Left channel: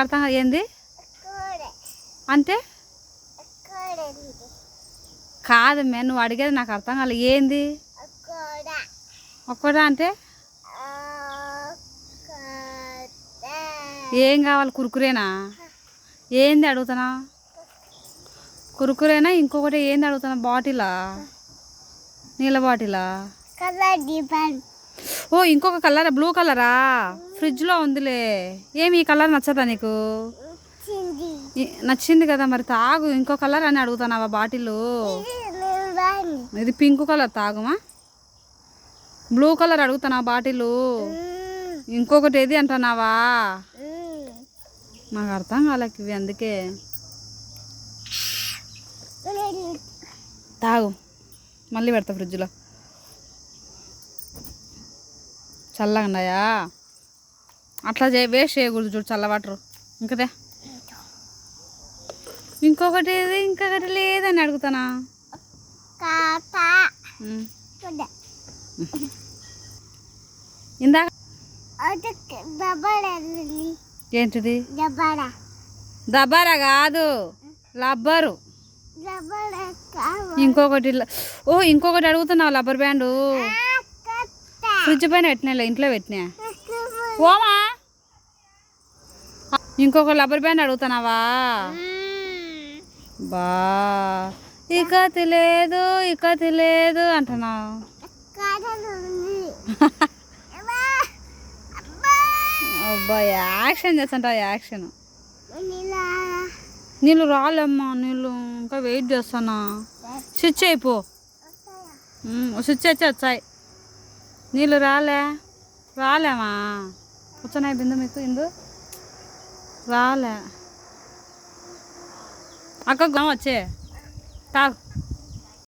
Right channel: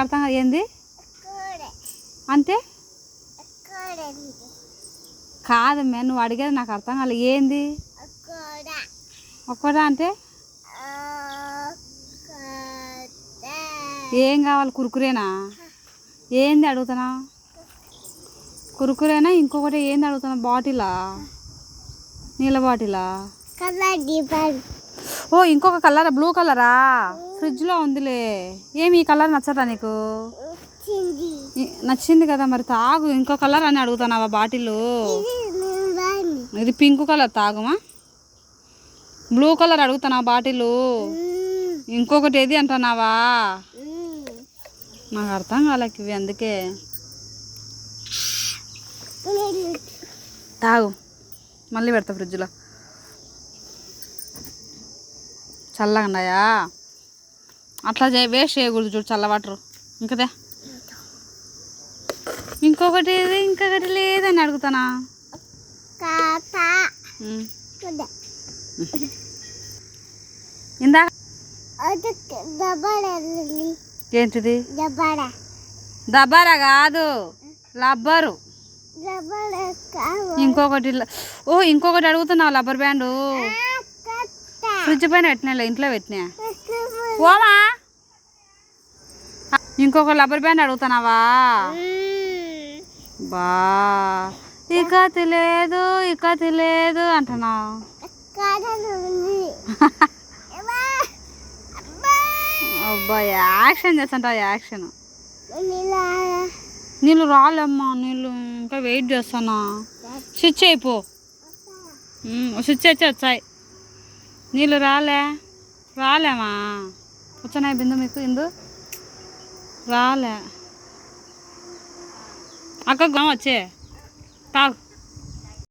అర్థం ఏంది అంటే కాదు మే నువ్వు అడిగేది నాకు అర్థం కాలేదు. ఏంది ఒక్కడా అంటే ఏం కావాలి? కురుకురేనా? ఏంది అడుగుతున్నా? కురుకురేనా? ఇంకొకటి ఏంది అడుగుతున్నా? బాటిలా? నీళ్ళ బాటిలా? ఓ ఇంకొక కలరా? బ్లూ కలరా? ఫ్రిడ్జ్లో ఉందిలే. ఏమి ఈ కలర్ నచ్చదా నీకు? నచ్చింది కదా, మరి తాగు. ఇంకో కలర్ అని అడుగుతున్నావా బాటిల్? ఇది పింక్ కలర్, తాగుమా. బ్లూ కలర్ అడుగుతున్నా బాటిల్. ఇంకొకటి ఏది అంటున్నావా? నాకు అర్థం కాలేక ఇవి, అందుకే తాగు. మళ్ళీ పెడతా ఫ్రిడ్జ్లో. చల్లగా ఉన్నాయా? అట్లా వేస్ట్ చేయకూడదు చూడు, చల్ల వాటర్. ఇంకదే ఇంకొకటి ఇంకొకటి లేదని అడుగుతానా? ఇందాక ఏంటిది? దబారా కాదు, లబ్బరు. ఇంకొకటి ఇంకొకటి అడుగుతున్నావు. లబ్బర్ బ్యాండు ఫ్రిడ్జ్ పైన పెట్టినా, ఇంట్లో పెట్టినా. ఓమా ఇంకొక లబ్బర్ బ్యాండ్ అడుగుతున్నావా? బా ఇక తెలియదు, ఇక తెలియదు అంటున్నావు. అబ్బా యాక్షన్ చేస్తుంటావు, యాక్షన్. నీళ్ళు రాలేమ్మా, నీళ్ళు ఇంకా వెయిట్ చేస్తాను. స్విచ్ అయిపో. స్విచ్ వచ్చాయి. నీళ్ళు రాలేమా? వచ్చినాయి బిందు మీకు? ఇందు రాలే. అక్కకు వచ్చే తాగు.